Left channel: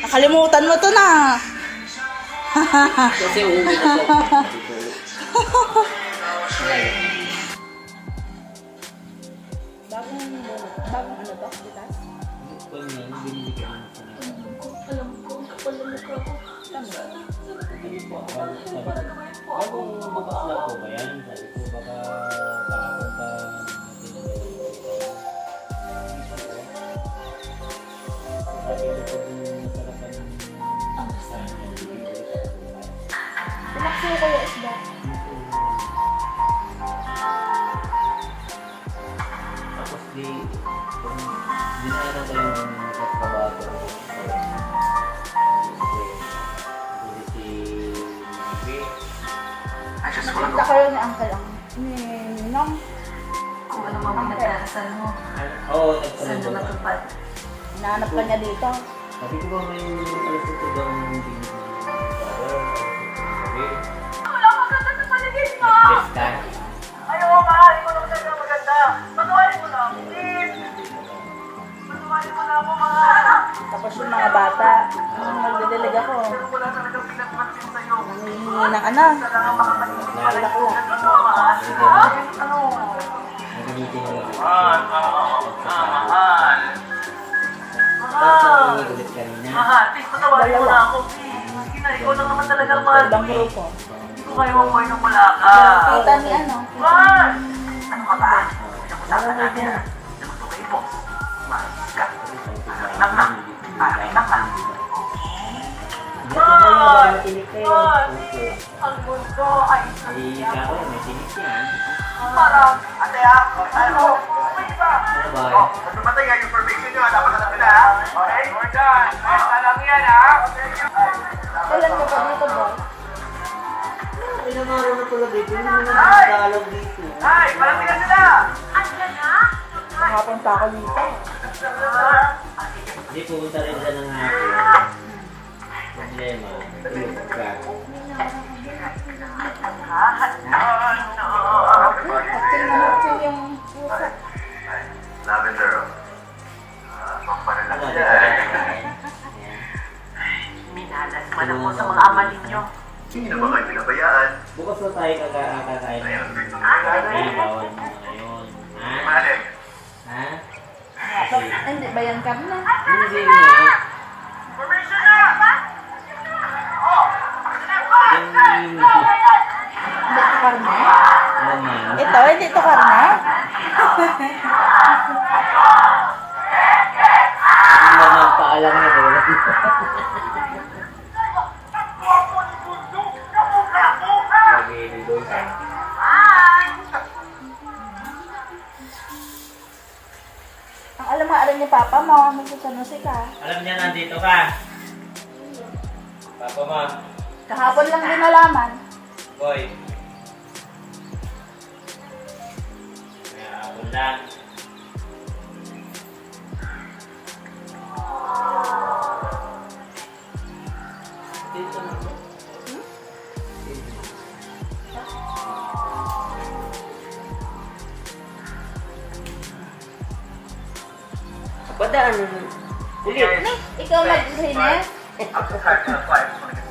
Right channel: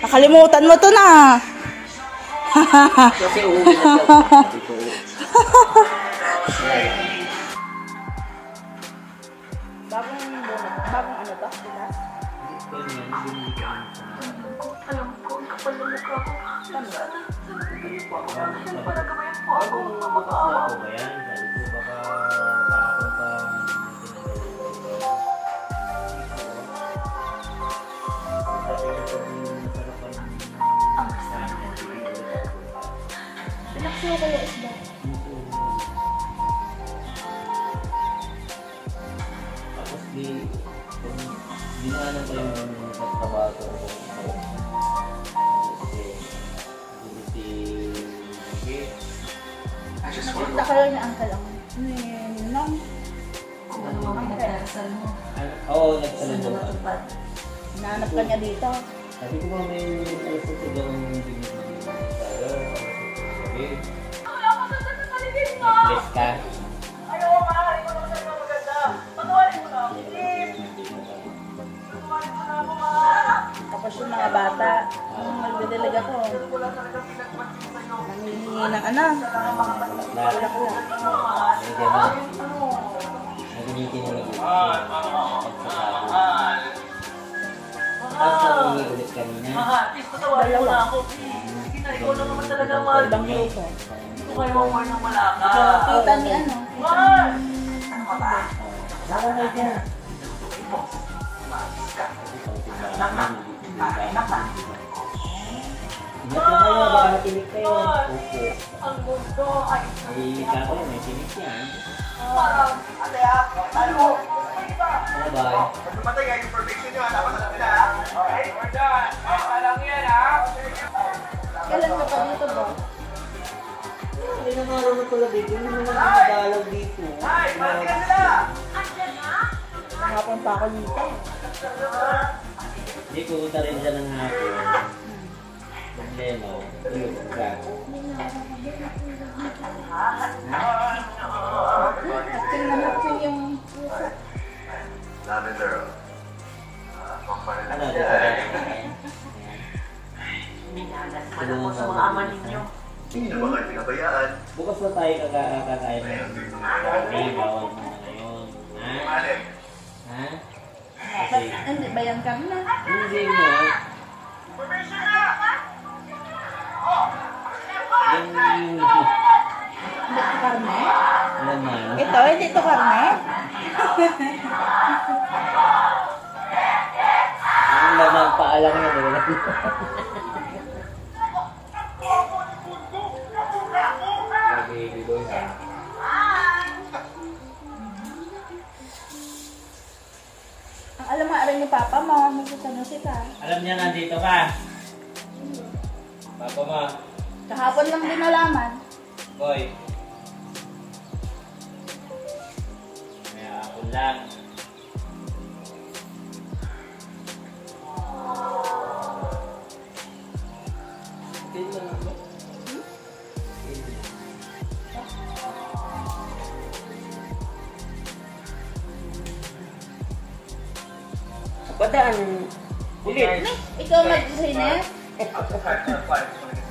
Nakalimutan mo to na. Kasi uuwi na po. Bagong ano to? Bitas? Alam ko, ang kapal ng mukha ko. Sana pinagagabayan po ako. Bukas na po ba yan? Sabi ko baka kahapon pa Ang masarap. Pinaksuyo ko yung isda. tapos dinaanan ko lang yung katrabaho Nakita ko yun ni Uncle ang Ninong. Kung ano mga pinagdarasal mo. Oo, Saan na matupad? Hinahanap ka niya dito. sabi ko ba may alas ito ba ng Wala ka ganda sa paligid mo! best ka? Ayaw, mahal. Ikaw naman talaga maganda. Patuwarin mo na. Please. Patuwarin mo na ako, mahal. Tapos yung mga bata, nung nagdidilig ako, Wala talagang pinagpansin sa'yo. nangihingi ng ano. Wala ko lang. Nagunitin mo lang. Mahal. Tapos nakingi ulit kanina. Mahal, please, patawarin mo na ako, please. Sige na, ikaw lang naman talaga ang mahal. Ibang grupo. Hindi ko kayo mamuhay nang wala ka. Kita ni ano. Mahal! Ano ka ba? Wala ko dyan. Gusto kayo po. Mahal ka. Naman. Parang naman. Ang mundo ay parang ate ano? Ano ba? Tumatay nga yung perfection nyo. Dapat alam nila ha? Okay? We're done. Basta lang yan ha? Kailan mo pa dito ba? Ilang araw na pala dito. Hindi naman nagdalog dito. Ay! Parang sila sila! Andiyan na? Kahapon pa ako dito. Hindi pumunta rin siya ng hapon. Problema. Tulog ka. Acting na acting yung pusa. Lavender. Tama, dito ka kakain. Minalas man ako sa mga ama ninyo. Hindi na ba kayo pinabayaan? Bukas na tayo kakain. Ay, bawal mo na ngayon. Ha? Ha? Kasi, Hindi ba yan karne? hindi nga. Formation na! Yung Hindi ito karne? naman. Ito, hindi ito karne? Yung naman paalam na rin. Lagi dito sa. Ang alam mo, alam ni Papa mo, magsasanusi ka. Alam niya nandito ka. Papa mo. Kahapon lang din nalaman. Boy. Kaya ako lang. Dito lang ba? Padaan. Ulit. Ikaw mag-linis?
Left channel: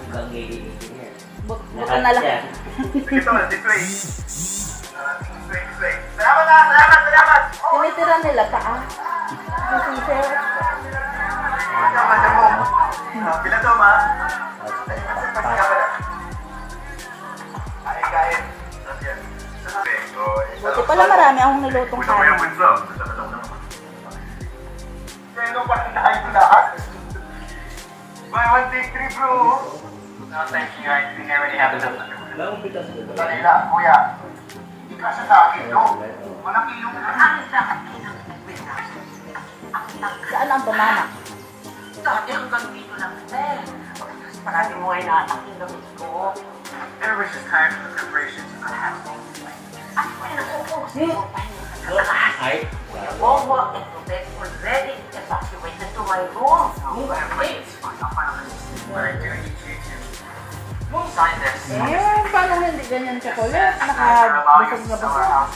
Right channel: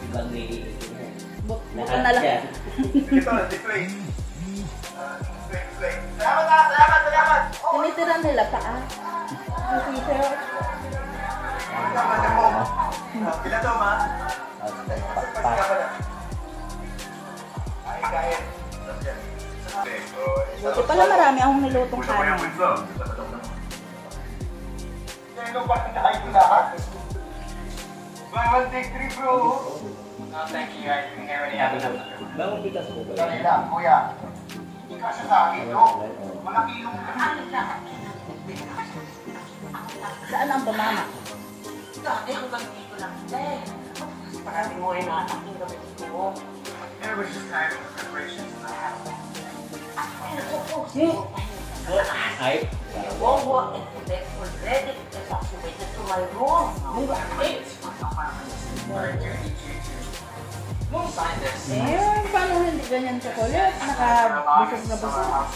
Ibang gigigil niya. Buto na lang. Ito, display. Display. Salamat! Tinitira nila pa ah. Tinitira. Madam mo. Pila to, ma? Kain. Buti pala marami akong nilutong kanin. Ano ba tayo lahat? Buy one, take three, bro. No, thank you guys. We already have enough. Naupitas ko ba? Dali lang, kuya. Ikasa sa akin, bro. Walang kilong Saan ang banana? Dati hanggang dito lang, eh. Parati mo ay naatak yung gamit ko. Everybody's just tired of the preparations. At may nakukusin mo pa Ay. Wawa and Tobek already evacuated to my room. Wait. Sign this. Eh, paano hindi ganyan chocolate? Nakabusog na busog.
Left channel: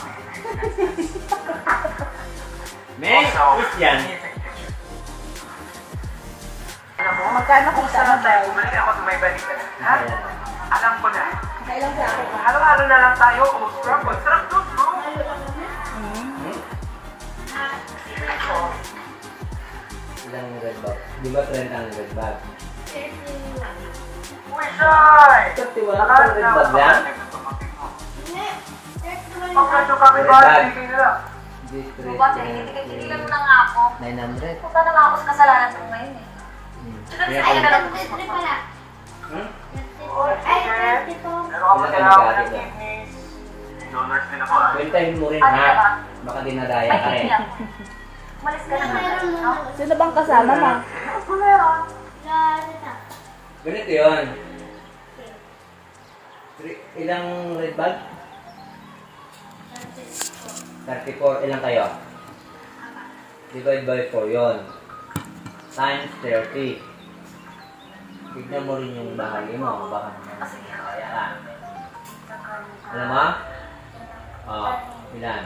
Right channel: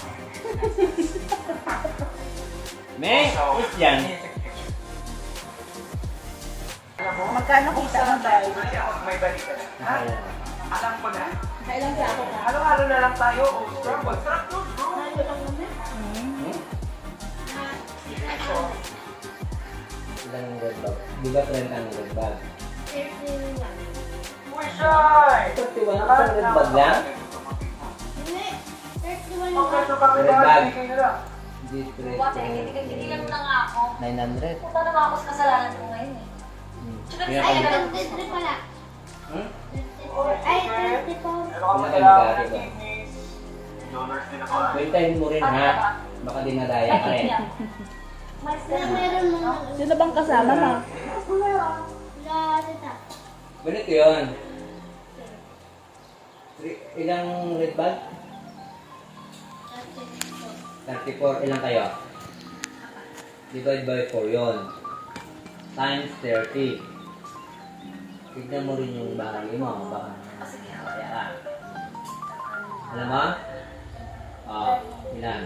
May, is yan. Alam mo, Pagka nakita mo ba? Bumalik ako sa may balita na. Ha? Alam ko na. Kailan sa ako? Halo-halo na lang tayo. O, scramble. Sarap to, bro. Ilang red bag? Di ba 30 ang red bag? Uy, Shy! 31 ang red bag lang? Pagkato kami Red ba? bag. Sige na lang. Bukas eh, hindi mo na nga ako. 900. Punta na nga ako sa kasalanan ko ngayon eh. Tsaka Kaya sa akin na lang kung- gusto ko. Hmm? Pero ako kailangan ng kidneys. Donors din ako. Kwentahin mo rin Ano ha. ka ba? Baka dinadaya May ka rin. kidney ako. Umalis ka na. Sino bang kasama mo? Ganito yun. Ilang red bag? 34. Ilang kayo? Divide by 4 yun. Times 30. Tignan mo rin yung bahagi mo. Baka kaya ka. Alam mo? Oh, ilan?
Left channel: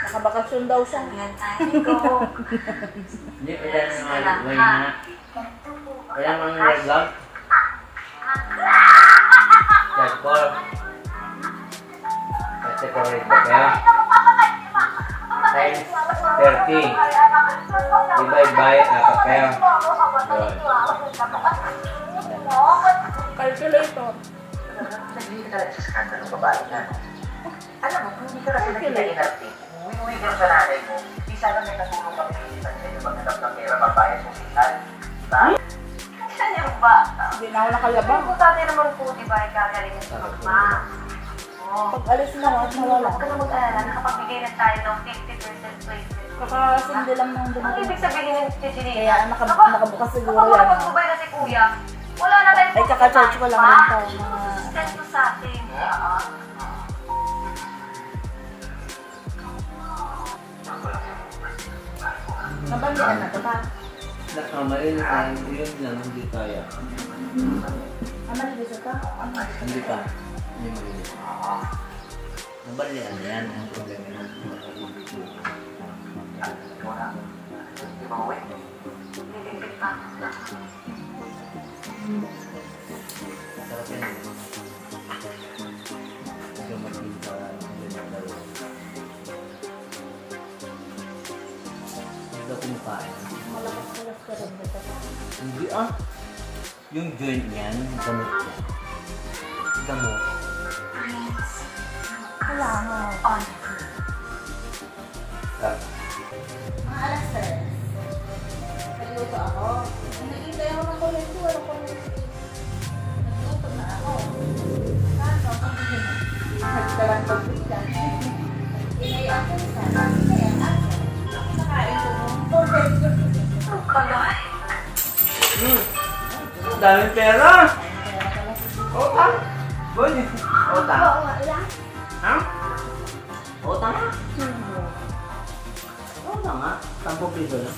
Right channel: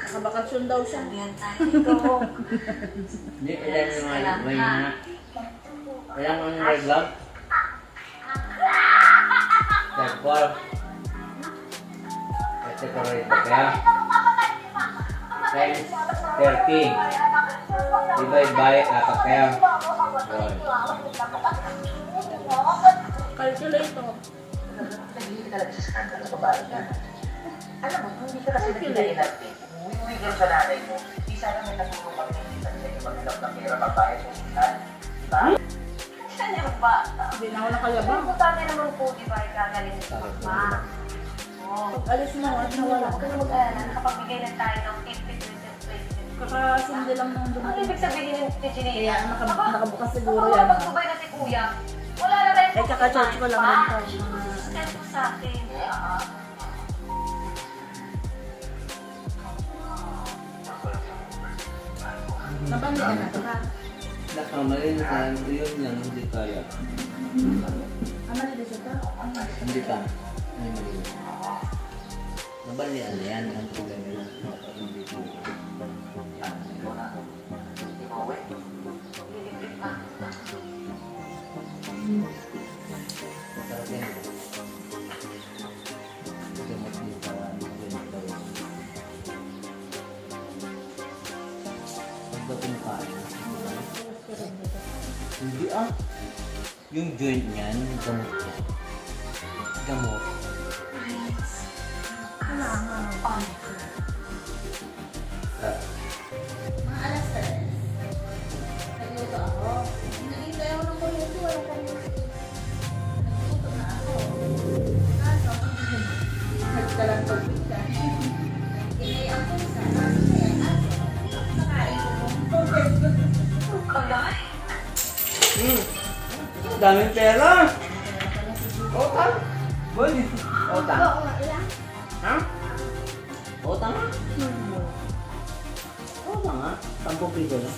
Nakabakasyon daw siya. Yan tayo ko. Ilan yung may na? Ilan ang red bag? 34. 34 red bag kaya? Times 30. Divide by 4 kaya? Yun. Calculator. Hindi ka talaga sa skandalo ng babae na. Alam mo, kung hindi ka kasi nagkita-inarte, umuwi ka sa nanay mo, di sana may katulong kami ng isa sa'yo maghanap ng pera magbayad sa hospital. Diba? Saan yung bata? Hindi na ako nakalabang. Importante naman po, di ba, gagaling sa mama. Pag alis mo at nawala. Kung mag-alala, nakapagbigay na tayo ng 50%, 20%. Kakasindi lang ng Ang dumating. ibig sabihin ng tijili. Kaya nakabukas siguro yan. Nakapagbubay na si kuya. Wala na tayong Ay, kaka-charge ko lang rin to. Sustento sa atin. Nabandihan na ito ba? Nakamali na tayo. Yun lang, hindi kaya. Ama, dito ito? Hindi pa. May mali. Nabalian na yan. Ang problema na. Hindi ko. Sarap yan. Ito makita. Ito kumakain. Malakas-malakas ka rin dito. Hindi ah. Yung joint niyan, gamot ko. Gamot. Kailangan. Ah. Mga alas 3. Nagluto ako. Nagintay ako ng kuryente. Walang kuryente. Nagluto na ako. Ano? Nagdalang pagpita. Inayan ko sa inayan ako. Nakain ko ng kuryente. Kalay. Daming pera! Utang! Boy! Utang! Ha? Utang nga? Utang nga? 10 piso na.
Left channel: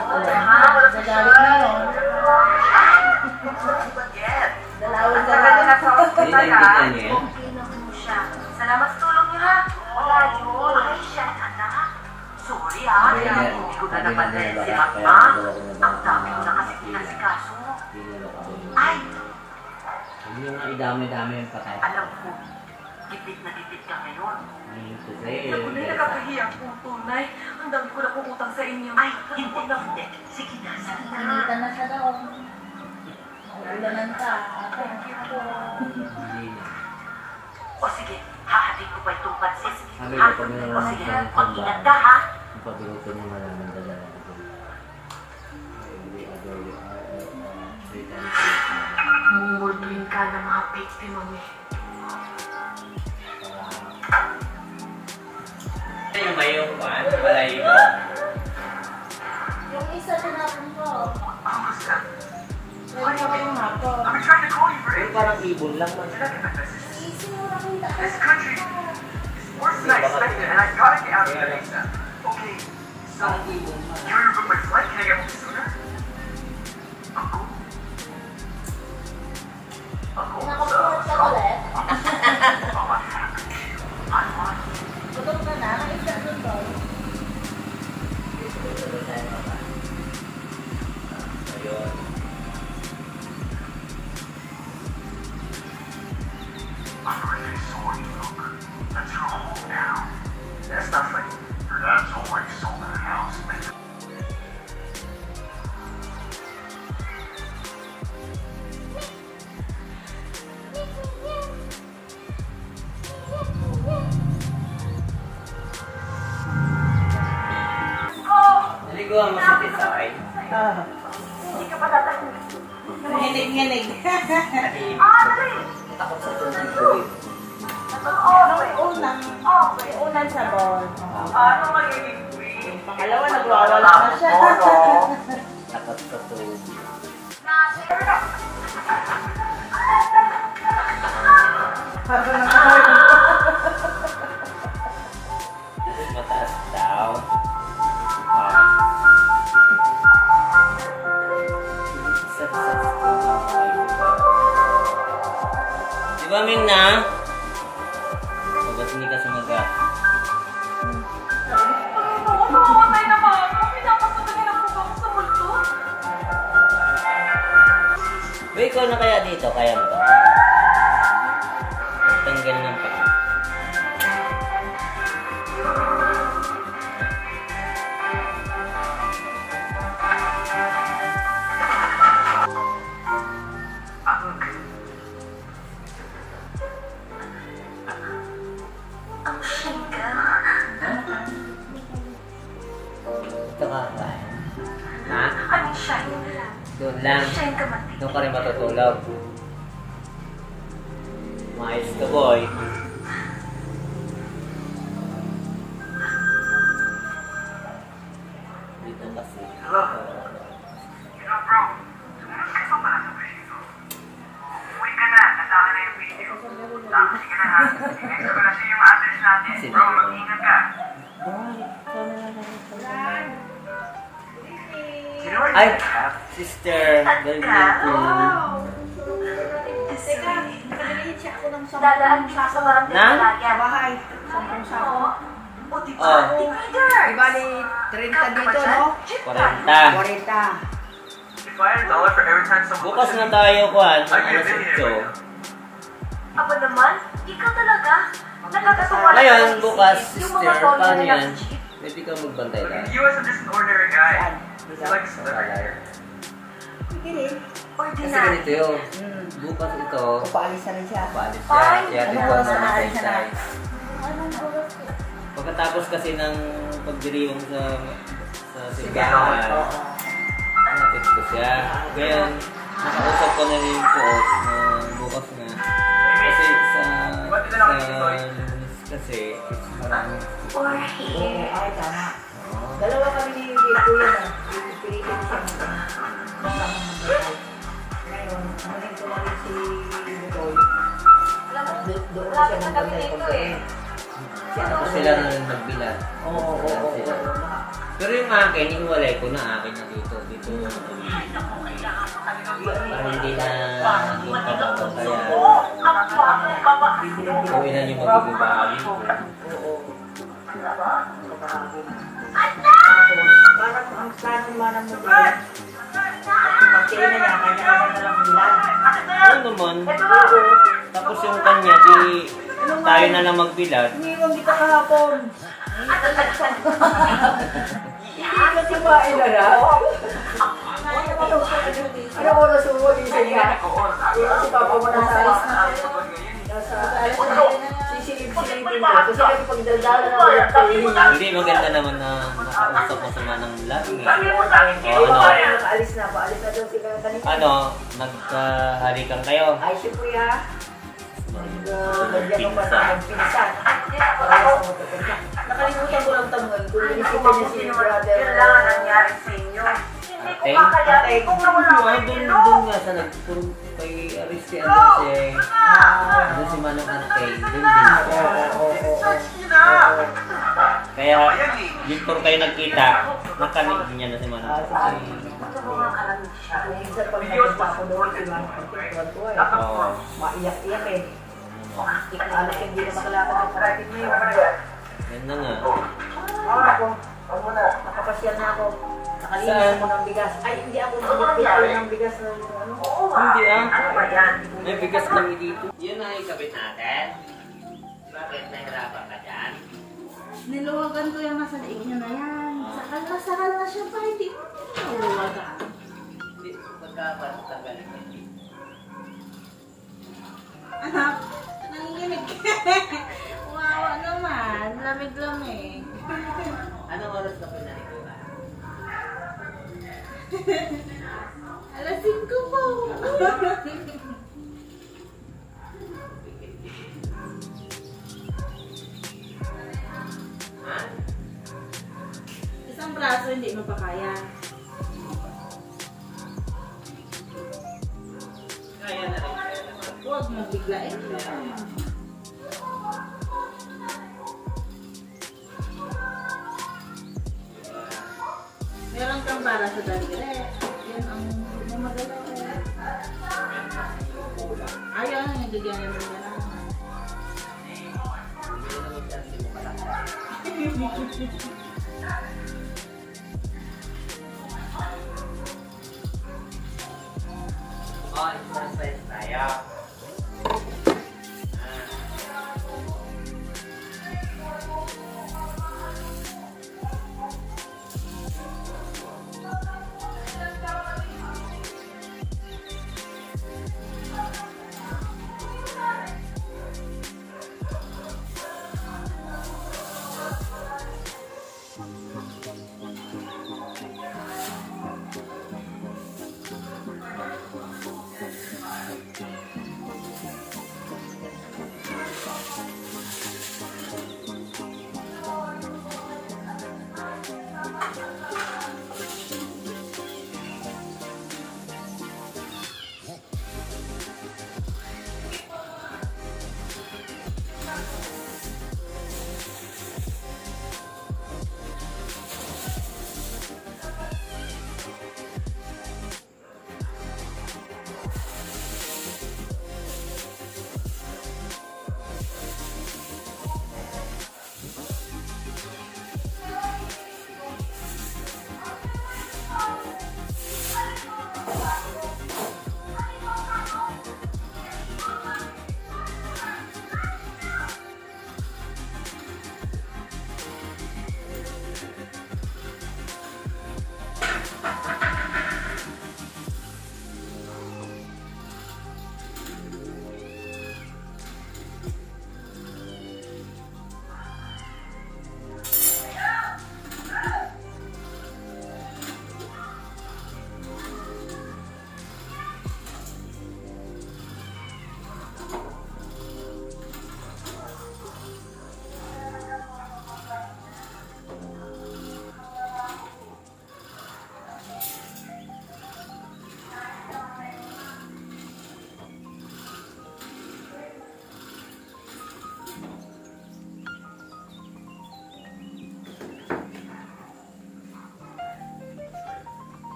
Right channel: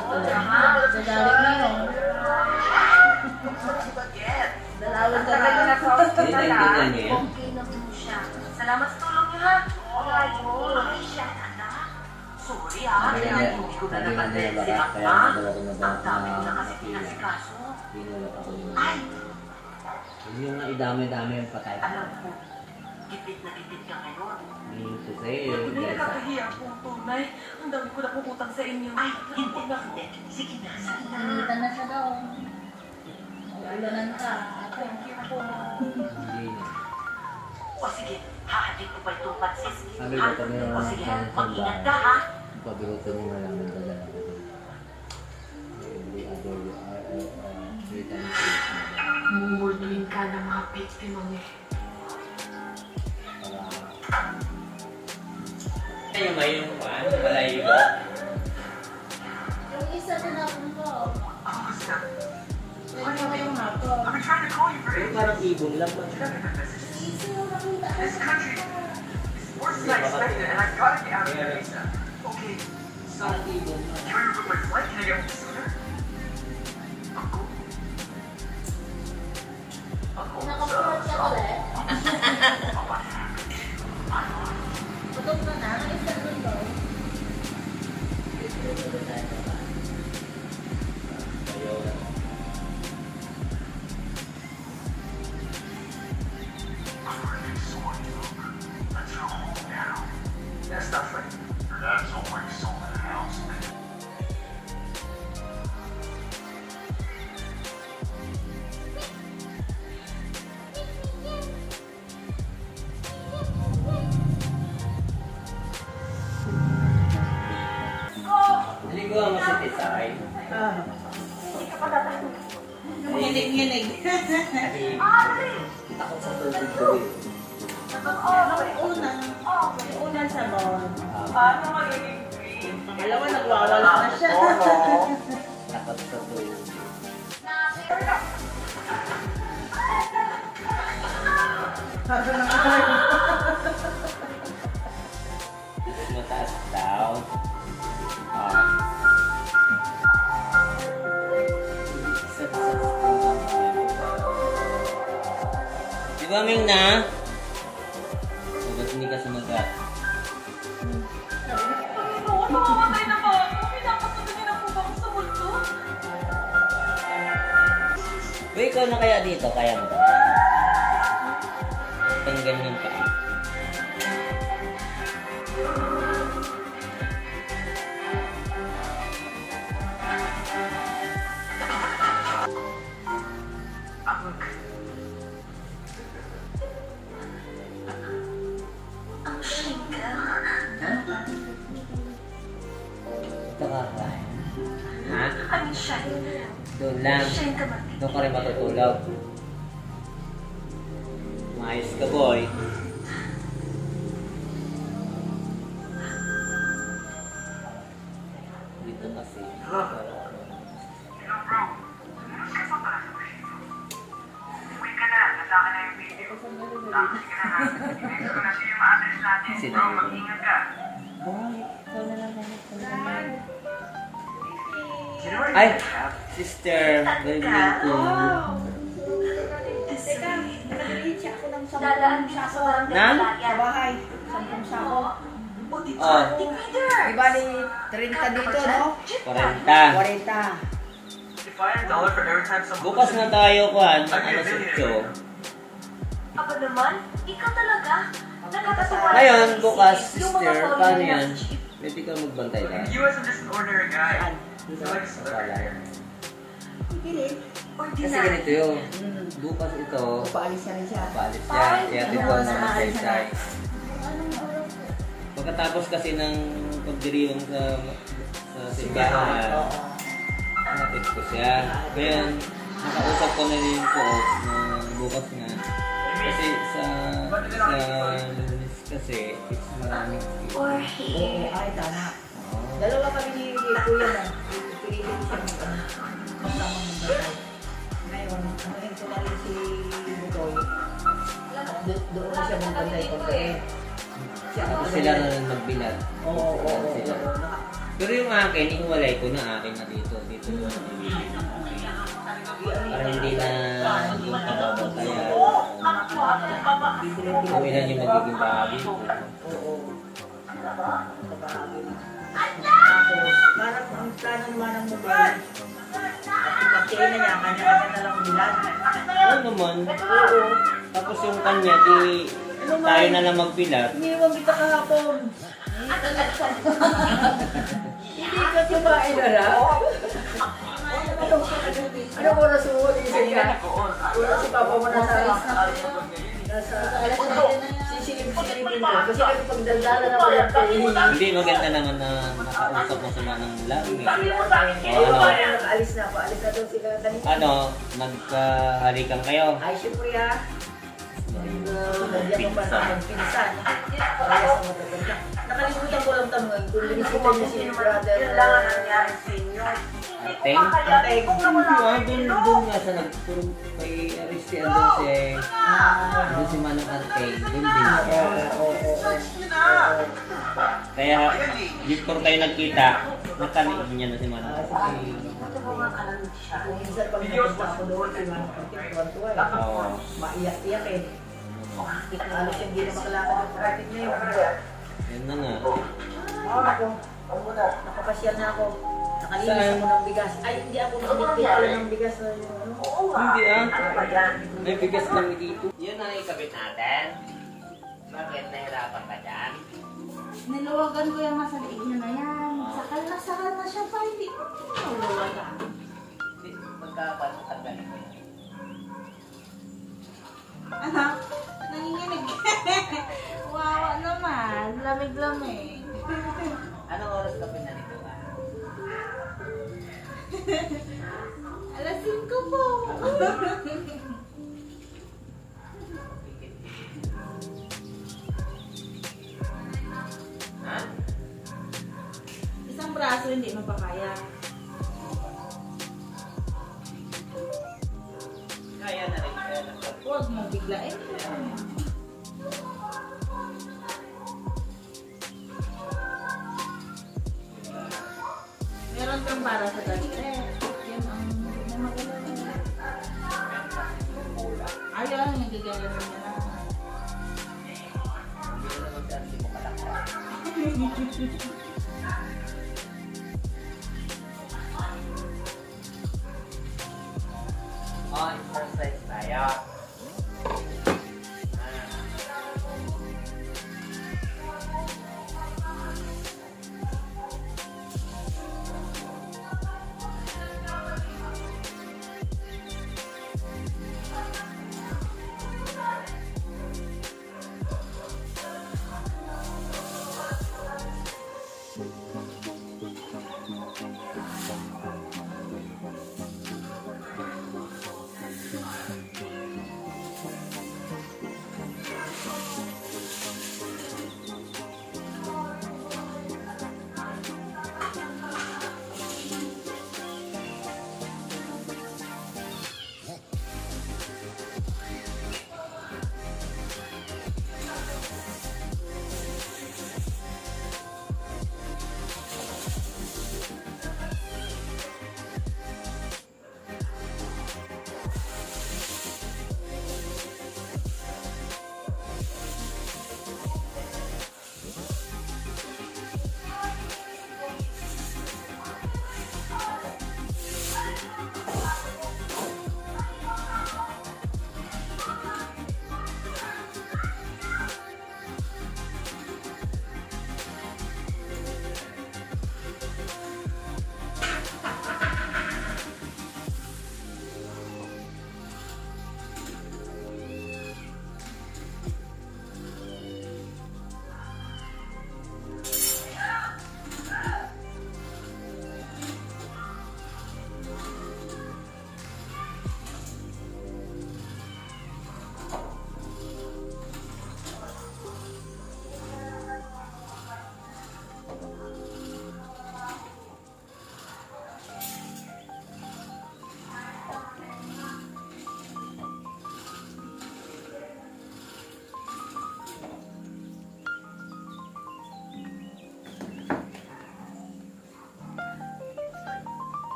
Nagalit na no? Dalawin ka na. Hindi, nakikita niyo yan. Inom mo siya. Salamat sa tulong niyo ha. Wala yun. Ay, siya, anak. Sorry ha. Hindi ko na napansin si Mama. Ang dami ko na kasi pinasikaso. Ay, Hindi yung idami-dami yung patay. alam ko. Gipit na gipit ka ngayon. Ito sa'yo. Hindi nakakahiya akong tunay. Ang dami ko na utang sa inyo. Ay, hindi. Sige na, sige na. Nanginitan na siya daw. Ulanan ka. Hindi na. O sige, hahatid ko pa itong pansit. Sabi Ha? ko kami O naman sige, ng mag-ingat sambahan. ka ha. Ang pabigot ko niya maraming dala na ito. Every other, 3 times a week. Mumulmin ka ng mga biktima mo. Ano ba yung one? Balay mo? Yung isa tinapon ko. Pwede mo yung hako. Yung parang ibon lang. Easy yung nakita ko. Worse than I expected, and I gotta get out of the visa. Okay, so you remember my flight? Can I get home sooner? Uncle? Uncle, Nakapuhat ka ulit. I'm That's not funny. Naliguan mo si Tisoy. Hindi ka pa tatahimik. Nginig-nginig. Kasi takot sa tubig. Unang sabon. Paano magiging free? Pangalawa, nagwawala na siya. Takot sa tubig. Habang nakahari. Mataas daw. Di ba, Ming na? Ba't hindi ka sumagat? Mamamatay na ba ako? Pinapatuloy na po ba ako sa multo? Uy, ikaw na kaya dito? Kaya mo ba? Tanggal ng paa. Ang shame ka. Ito ka kain. Ha? Ang shame. Doon lang. Shame ka man. Doon ka rin matutulog. Maayos ka, boy. Dito kasi. Uwi ka na. Nataka na yung video. Tapos ka na. Ito ko kasi yung address natin. Bro, mag-ingat ka. Ay! Sister, very beautiful. Dadaan siya sa barangay Na? Sa bahay. 10 sabon. O, di Oh. ba? Team leader! Di bali, 30 dito, no? 40. 40. $5 for every time someone... Bukas na tayo, Kwan. Alas 8. Aba naman, ikaw talaga. Nakakatuwa. Ngayon, bukas, Yung mga sister, tol paano na yan? nasa jeep. Pwede ka magbantay lang. He wasn't just an ordinary guy. He's like a celebrity. Hindi. Kasi Ordinary. ganito yun. Bukas ito, Paalis na rin siya. paalis siya. Iatid ko Ano, sa saan ka na? Saysay. Pagkatapos kasi ng pagdiriwang sa simbahan, Oo. napit ko siya. Kaya nakausap ko na rin po na bukas na. Kasi sa Lunes kasi, it's maraming Or Oo, here. ay, tama. Oo. Dalawa kami ni Kuya na. Pilitin siya magkama magbantay. Ngayon, anahin ko na rin si Bukoy. Doon na siya magbantay pagkain. Tapos sila na rin magbilat. Oo. Sila. Pero yung akin, iwalay ko na akin na dito. Dito yung para hindi na yung pababantayan. Kung ilan yung magiging bahagi ko. Oo. Kapahagin. Tapos, parang ang plano naman ng model, at ipagkain na niya, kanya-kanya na lang bilan. Oo naman. Oo. Tapos yung kanya, di tayo na lang magbilat. Iniwan kita kahapon. Hindi kasi mailala. Ano oras mo? Gising ka? Si Papa mo nasa alis na. Nasa alis na. Sisilip-silipin ko. Kasi kasi pagdaldala na walang pahihingi. Hindi, maganda naman na makausap mo sa manang lagi. Oo, nakaalis na. Paalis na daw sila kanina. Ano, nagkahalikan kayo? Ay, syempre ha. Nagyan mo pa na magpinsan. Parehas na magkapunta. Nakalimutan ko lang tanongin kung binisita niyo si brother. Kailangan nangyari sa inyo. Hindi ko Ate? makalating kung nawala ko Doon nga sa nagpuro kay Aristian doon si Manong Ante. Doon din siya. Kaya, dito tayo nagkita, nakanig niya na si Manong Ante. Minsan pag napunta ako doon, tuwan-tuwa eh. Oo. Maiyak-iyak eh. Alos hindi na makalakad ang kapatid na yun. Yan na nga. Ako, nakapasyal na ako. Nakalinis ako ng bigas. Ay, hindi ako nakapagpipil ng bigas na yung ano. Hindi ah. Ano ba yan? May bigas kami dito. Yun ang ikabit natin. Bakit nahirapan ka dyan? Niluwagan ko yung nasa liig niya na yan. Sakal na siya pa, hindi mo niluwagan. Hindi, magkapatanggalin mo. Anak, nanginginig. Wawa naman, lamig-lamig. Anong oras ka pinaliguan? Alas 5 po. Ha? Isang braso hindi mo pa kaya. Kaya na rin, kaya na rin. Huwag mo biglain. Meron kang para sa daliri. Yan ang magalaw. Ayaw ang nagigaya mo na. Hindi na naman siya, hindi mo matakpan. Exercise tayo.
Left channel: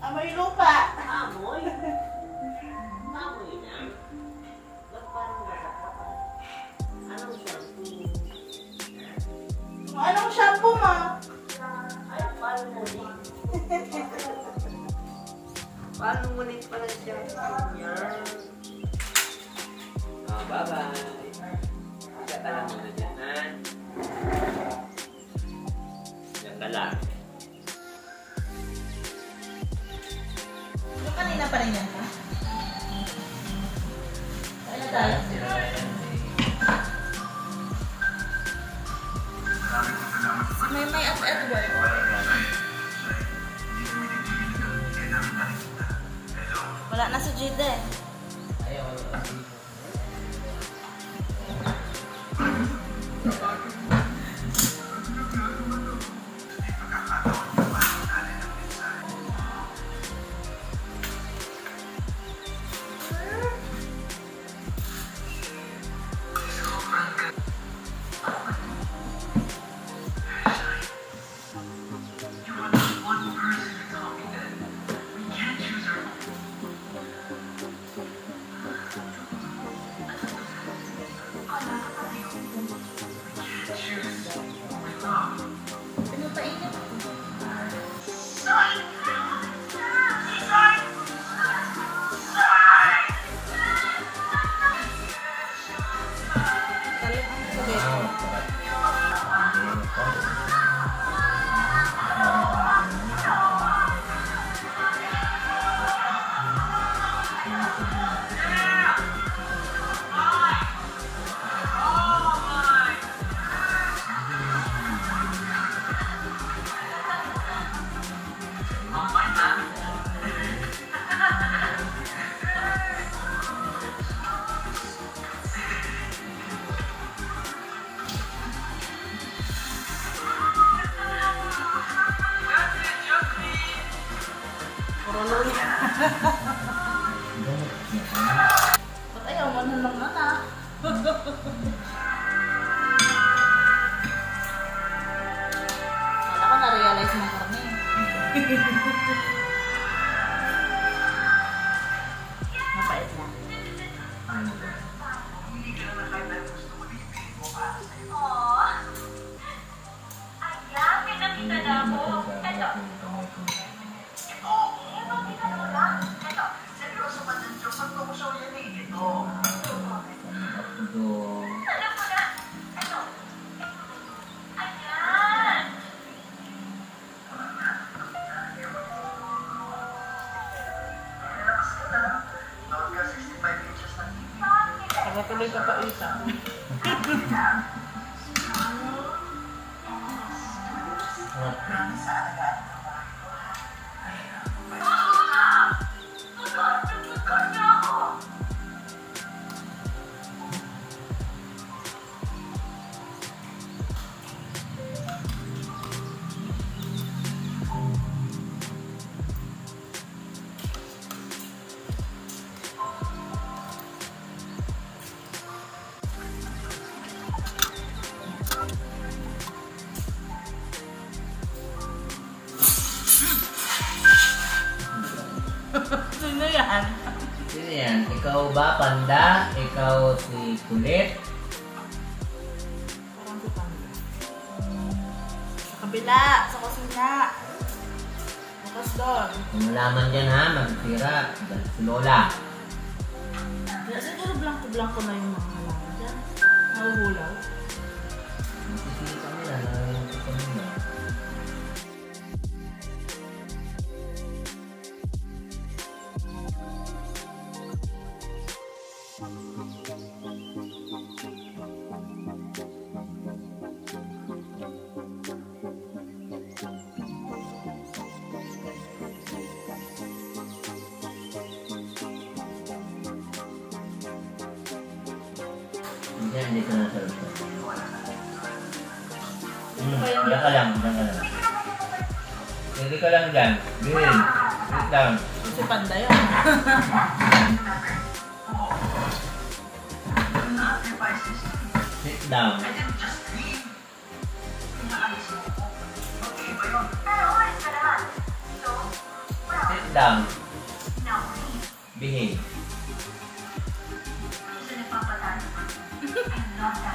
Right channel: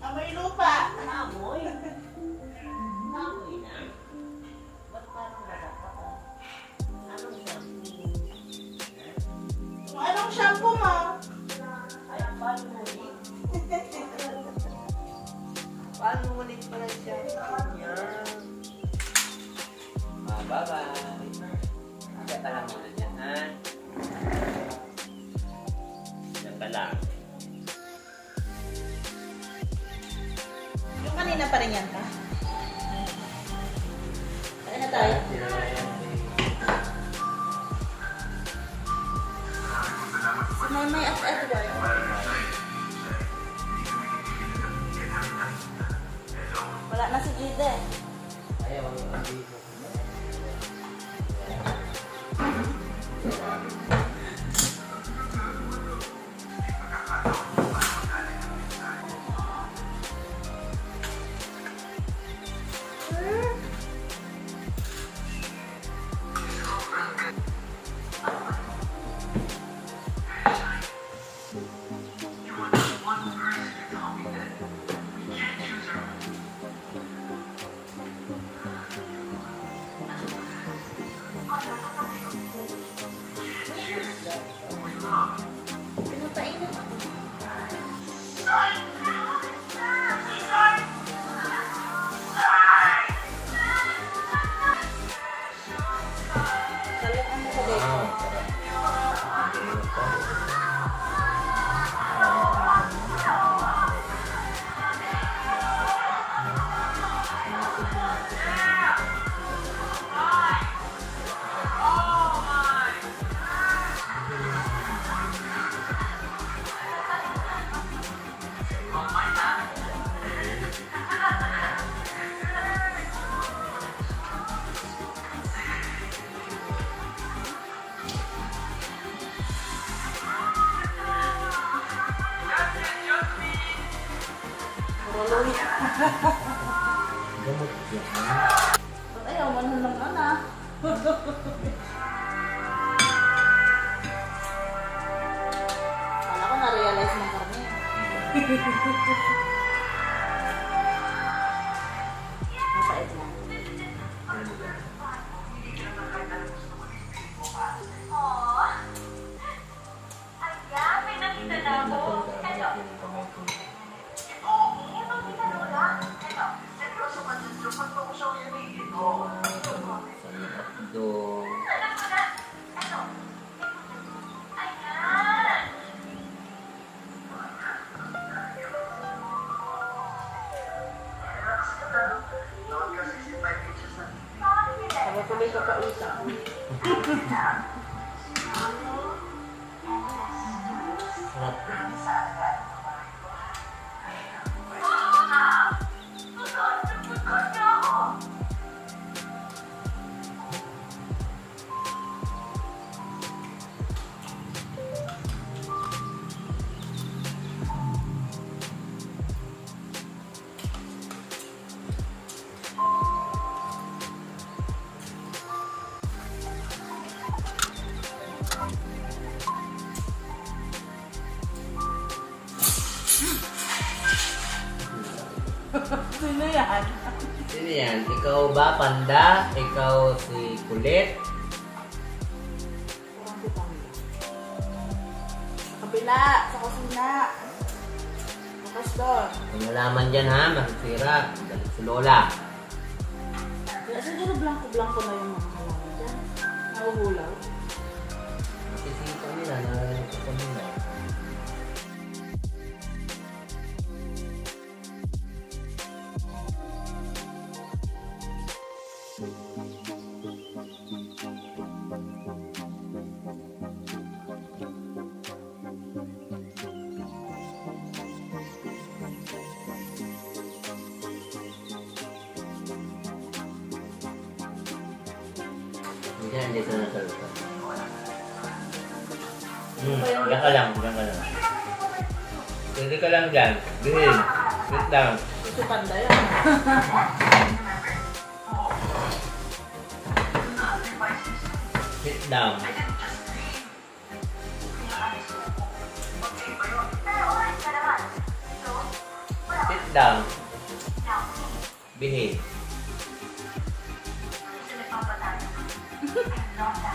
Amoy lupa. Amoy? Amoy na? Ba't parang nakakapal? Anong shampoo? Anong shampoo mo? Ay, paano ngunit? Paano ngunit pala shampoo niya? Bye-bye. Ikata lang muna dyan, ha? Diyan ka lang. Yung kanina pa rin yan ka? Kaya na tayo? May at Edward. Wala na si Jide. Ayaw, Puro loli. Gamot niya. Ba't ayaw mo na lang anak? Kala ko na-realize ng karne. Mapait lang. Ayan, may nakita na ako. Ito, seryoso ka dyan. Lupot ko ko sa uyan eh. Ito. Alam mo na. Ito. Ayan. Nakatuloy ka pa isa. Sino yan? Sino yan? Ikaw ba, Panda? Ikaw si Kulit? Parang si Panda. Sa kabila, sa kusina. Bukas doon. Kung malaman dyan ha, masisira. Balik si Lola. Kaya siguro blanco-blanco na yung mga halaman dyan. Nahuhulaw. Masisira nila na yung kukunin na. Hindi ka na sa lupa. Diyan ka lang, diyan ka lang. Pwede ka lang dyan. Bihin. Wait lang. Si Panda yan. Sit down. Sit down. Behave.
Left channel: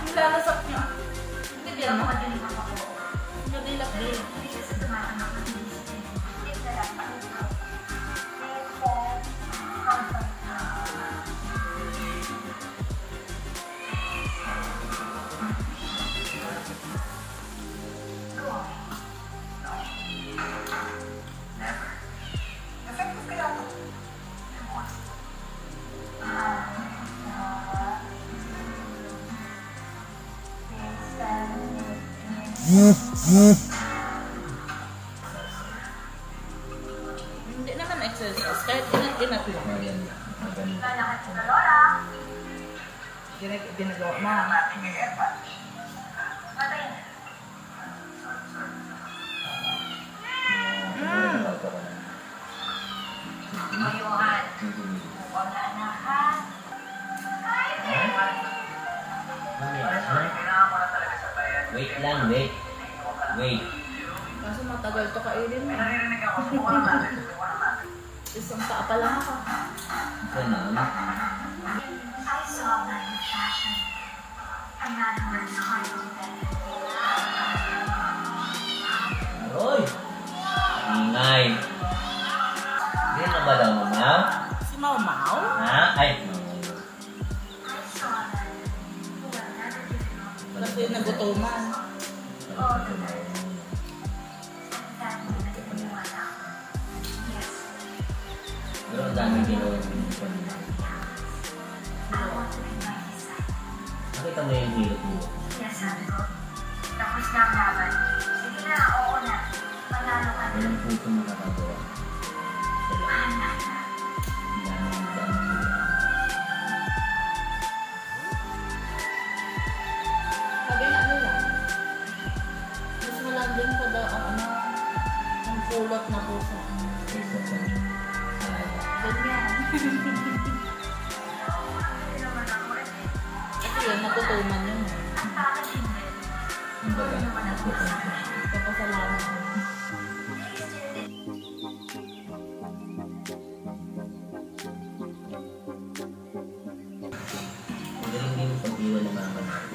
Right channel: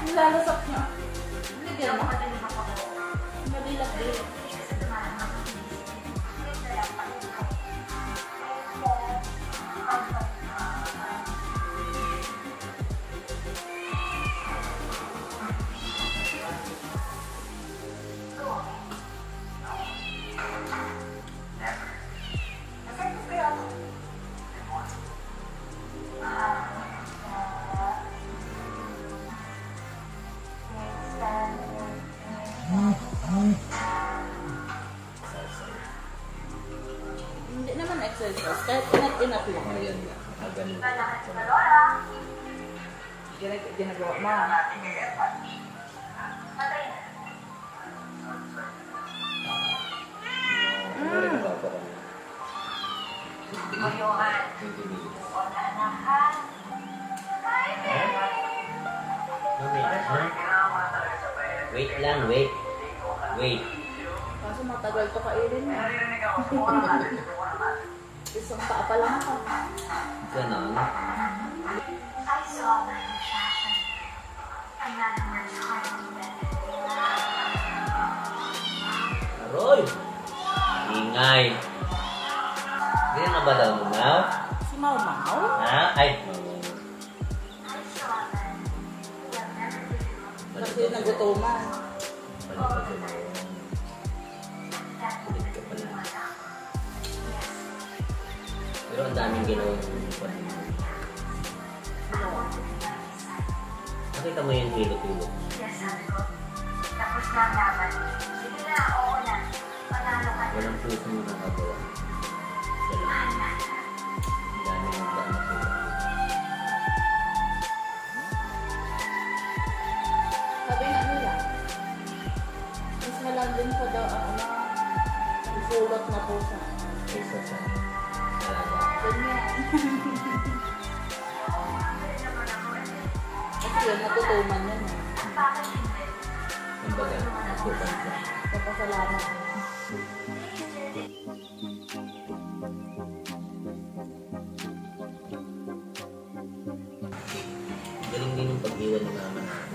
Nilalasak niya. Hindi din, no? Madilat din. Hindi naman exercise. Kahit inat-inat lang. Ayan na. Ganun. Ginagawa mo. Wait lang, wait. Wait. Kaso matagal to kailin mo. Isang paa pa lang ako. Ganon. I saw my fashion. A man works hard to get it. Aroy! Ingay. Hindi na ba daw mamaw? Si Mau Mau? Ha? Ay, mamaw. I saw that we are never giving up. Kasi nagutuman. That woman naniwala. Yes, Pero ang daming ginawa ng I want to be by his side. Nakita mo yung hilo-hilo. Yes, sabi ko. Tapos na ang laban. Sige na, oo na. Panalo ka na. Walang puso mo nakagawa. Wala. Mahal na. Ang daming nagdama sila. Sabi nga nila, mas malaging pa daw ang ang pulot na pusa. Kaysa sa Kasi yun, natutuman yun. Kumbaga, natutunan siya. Papasalamat. Ang galing din yung pag-iwan ng mama natin.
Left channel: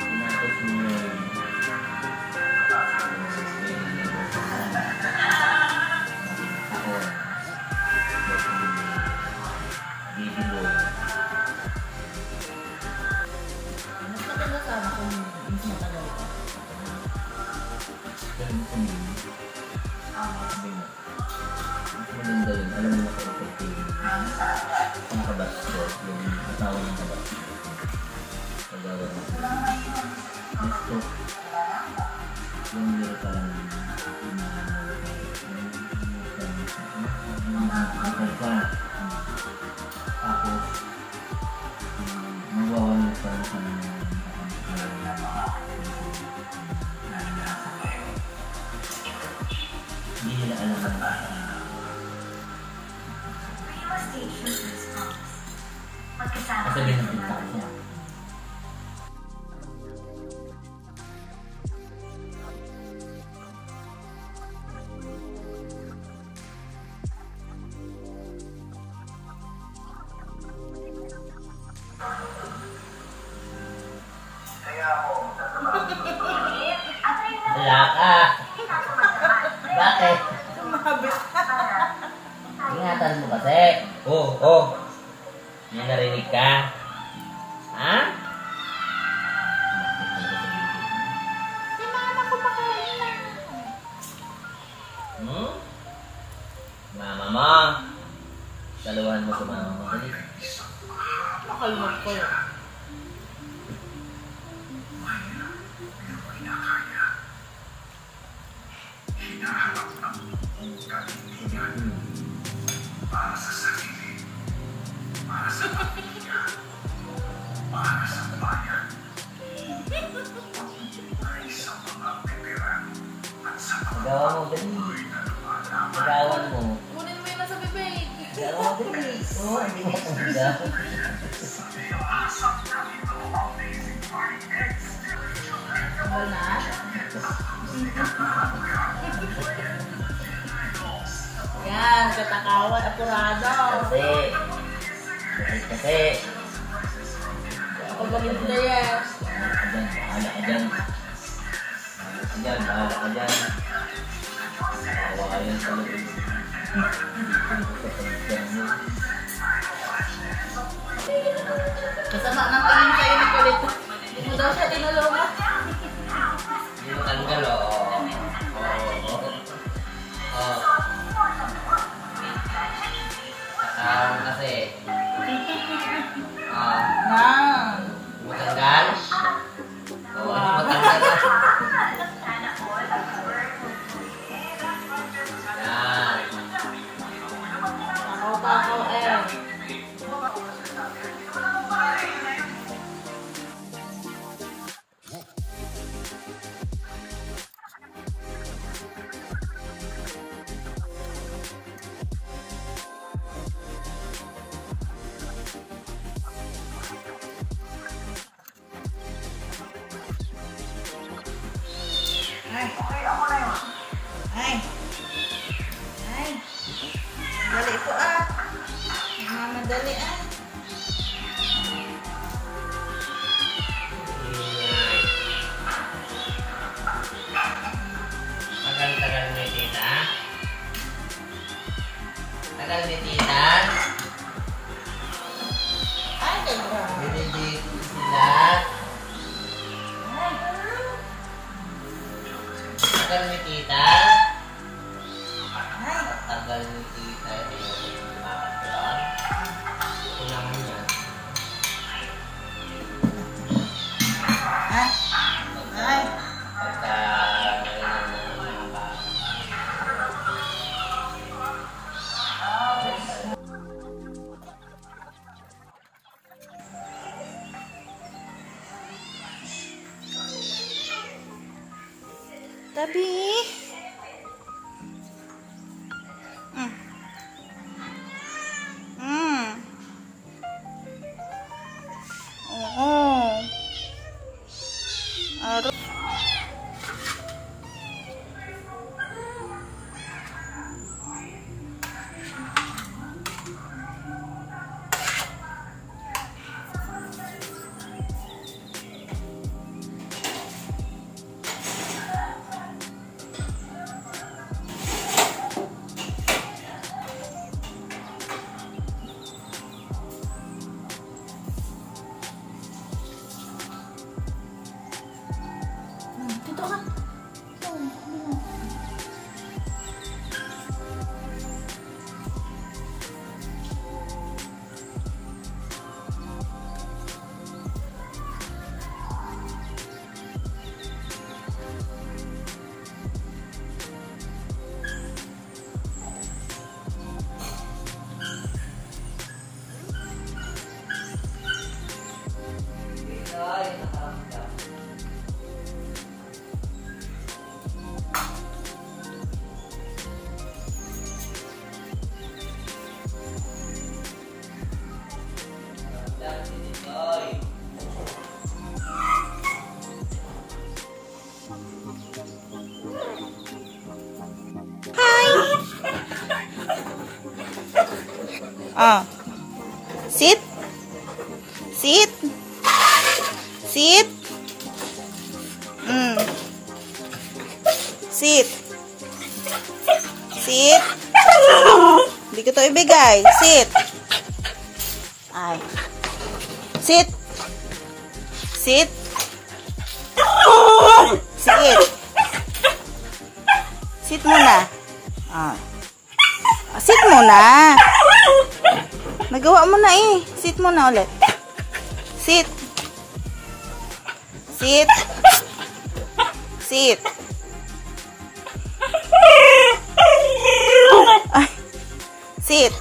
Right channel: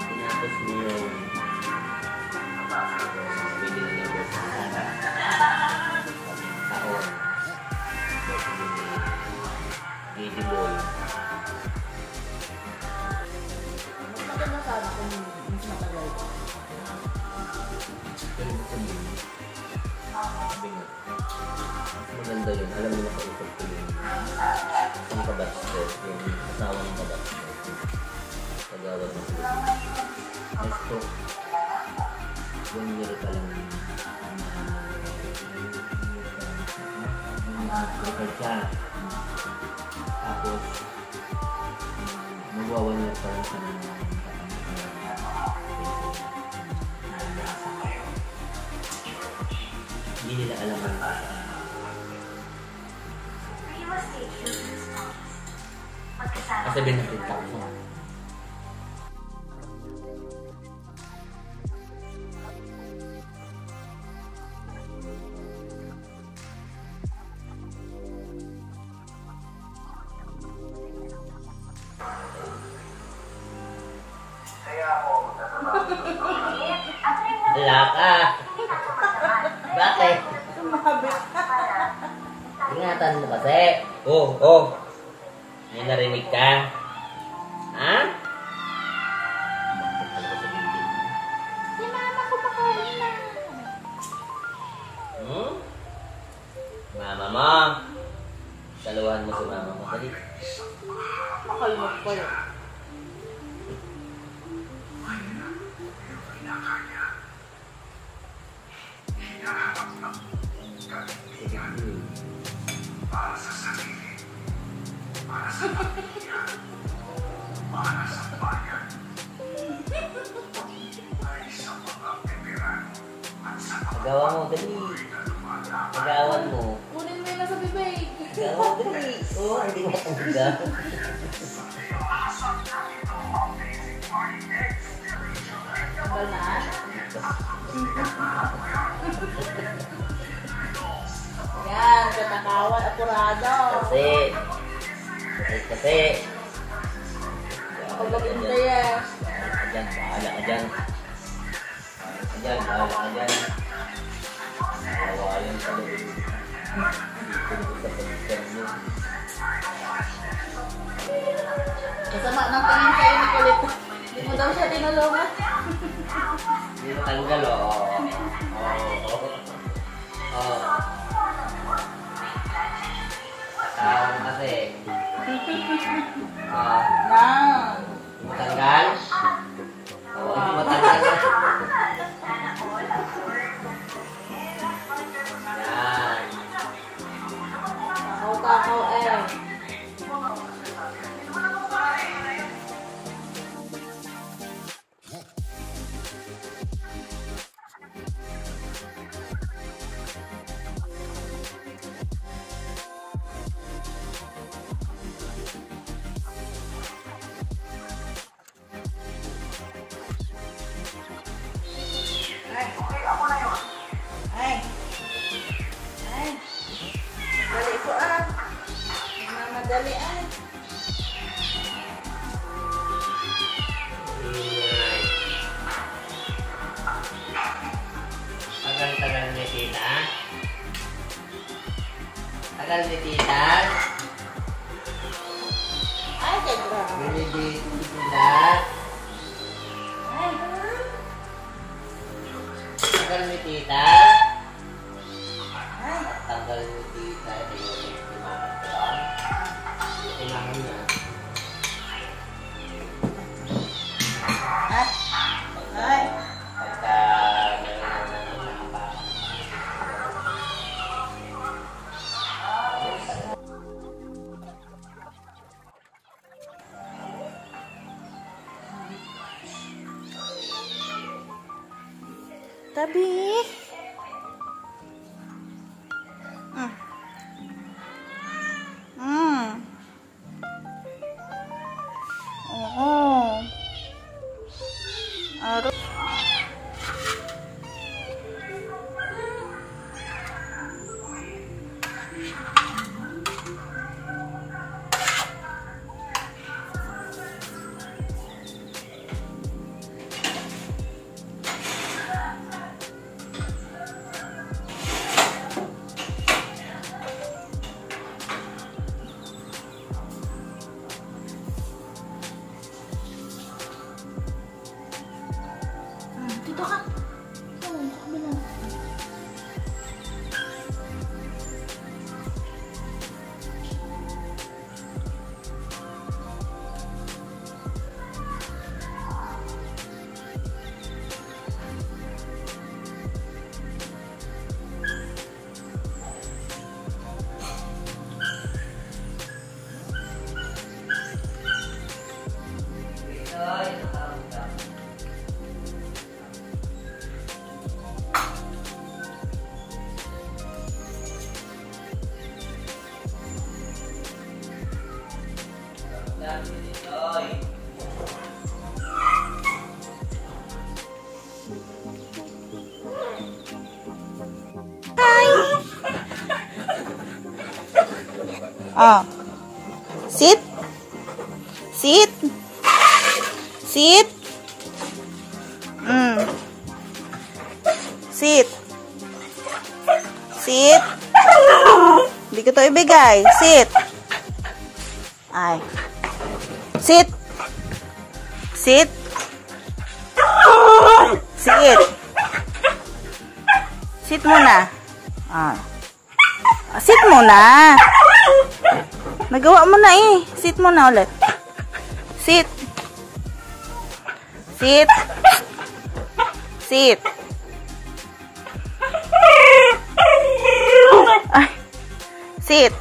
Tinapos mo yung binili niya po sa taon. Baby boy. Mas maganda sana kung mas matagal pa. Pero gusto mo yun. Sabi nga. Mas maganda yun. Alam mo na kausap ko yun. Ang kabats ko. Yung asawa ng kabats ko. Pag-awa ng sila. Nesto. Yung nilo pa lang. Tapos magwawan niya pa lang sa mga hindi nila alam ang kasi binapinta ko siya. Wala ka. Bakit? Sumabit. Ingatan mo kasi. Oh. May narinig ka? Ha? Bakit talaga sa bibig mo? Si mama ko makain na. Mama mo. Saluhan mo si mama mo. Dali. Makalimot ko yun. Para sa sarili, para sa pamilya, para sa bayan, ay sa mga veteran at sa Magawa mo, dali. Magawan mo. Kunin mo yung nasa bibig. Magawa mo, dali. Oo, hindi mo tanda. Tanggal na. Yan, katakawan, apurado. Kasi. Kapag maganda yan. Bahala ka dyan. Bahala ka dyan. Awayan sa loob. Dito mo sa pagkakan mo. Kasama ng tingin kayo ni Kulit. Hindi mo daw siya tinulungan. Hindi mo tanggal, Takawan kasi. Na. Hindi mo tanggal? Oo, hindi mo tanggal. Yan. Takaw-takaw eh. Ay. Dali ko ah. Mamadali ah. Tagal-tagal ni tita. Tagal ni tita. Ay, kay grabe. Binidate sila. Ay. Tagal ni tita. Ay. Tagal ni tita. Kailangan niya. Ay. Ay. Pagka Tabi. Ah. Sit. Sit. Sit. Sit. Sit. Hindi ko to ibigay. Sit. Ay. Sit. Sit. Sit. Sit muna. Ah. Sit muna. Nagawa mo na eh. Sit muna ulit. Sit. Sit. Sit. Ay. Sit.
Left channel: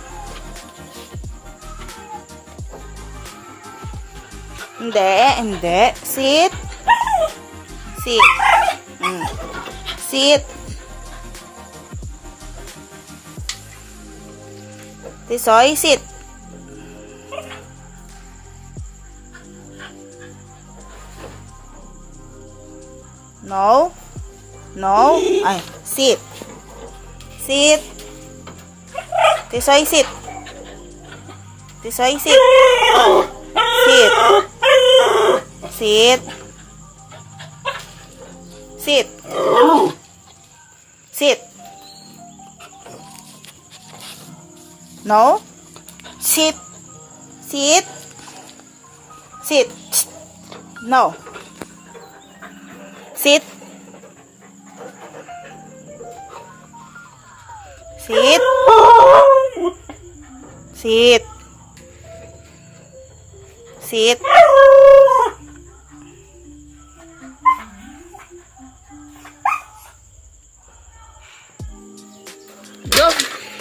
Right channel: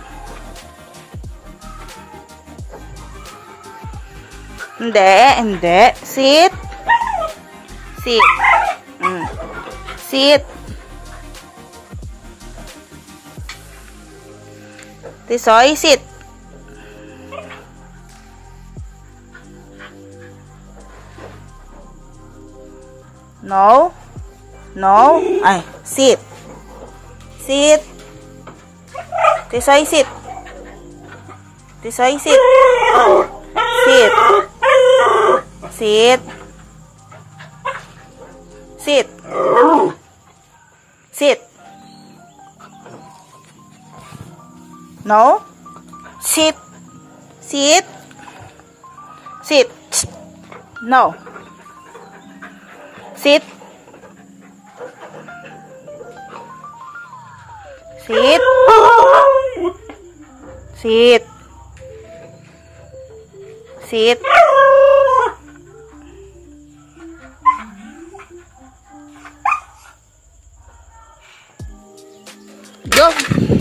Hindi. Sit. Sit. Sit. Tisoy, sit. No. No. Ay, sit. Sit. Tisoy, sit. Tisoy, sit. Sit. Sit. Sit. Sit. No. Sit. Sit. Sit. No. Sit. Sit. Sit. Sit. Go.